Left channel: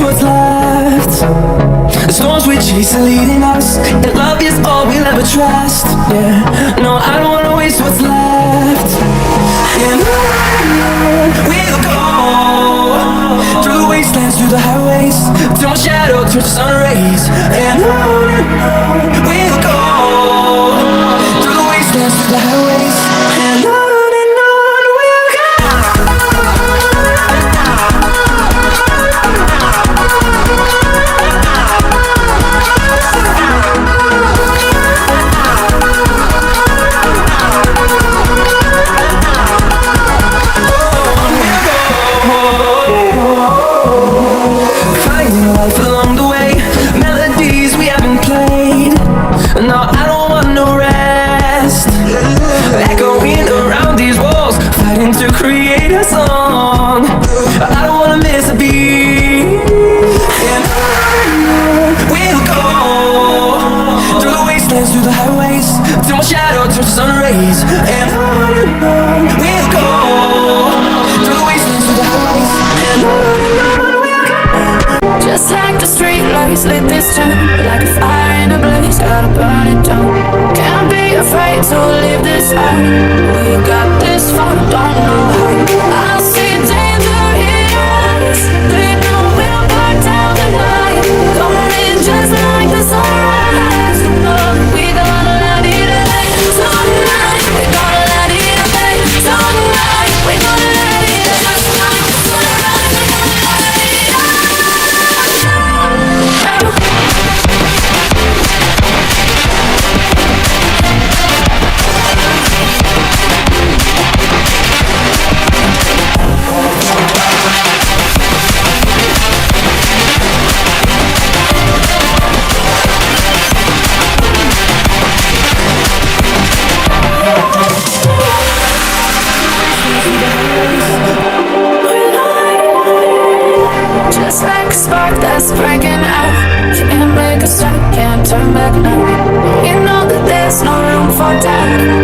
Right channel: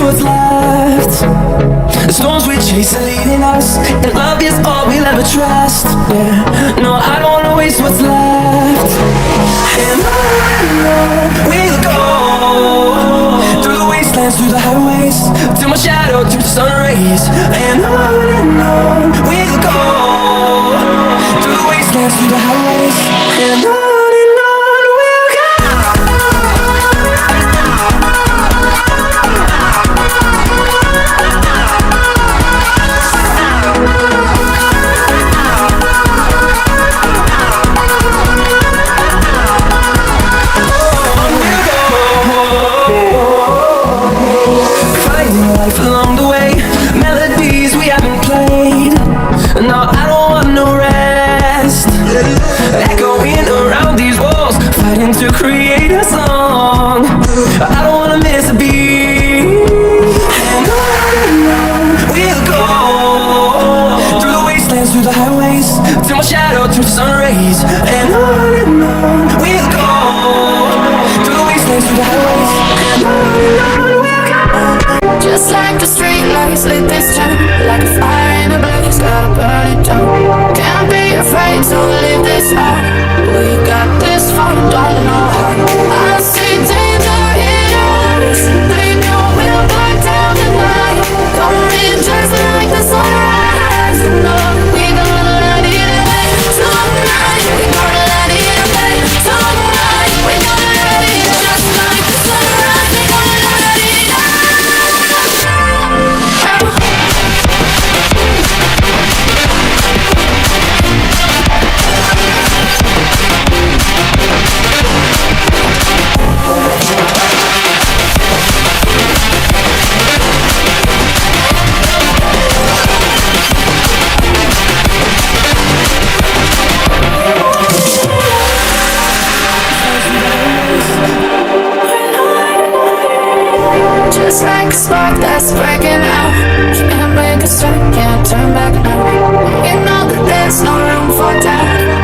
waste what's left. The storms we chase are leading us, and love is all we'll ever trust. Yeah, no, I don't wanna waste what's left. And on we'll go, through the wastelands, through the highways, till my shadow turns to sun rays. And on we'll go, through the wastelands, through the highways, and on we'll go. Finding life along the way, melodies we haven't played. No, I don't want no rest. Echoing around these walls, fighting to create a song. I don't wanna miss a beat. And on we'll go, through the wastelands, through the highways, till my shadow turns to sun rays. And on we'll go, through the wastelands, through the highways, and on. Just like the street lights lit this town, like a fire in a blaze, gotta burn it down. Can't be afraid to leave this out. We got this far, don't know how. I see danger in us, we know we'll burn down the night. Coming just like the sunrise. We gonna let it away tonight. We gonna let it away tonight. We gonna let it just like the sunrise. We gonna let it away. Just like a spark that's breaking out, can't make a stop, can't turn back now. You know that there's no room for doubt.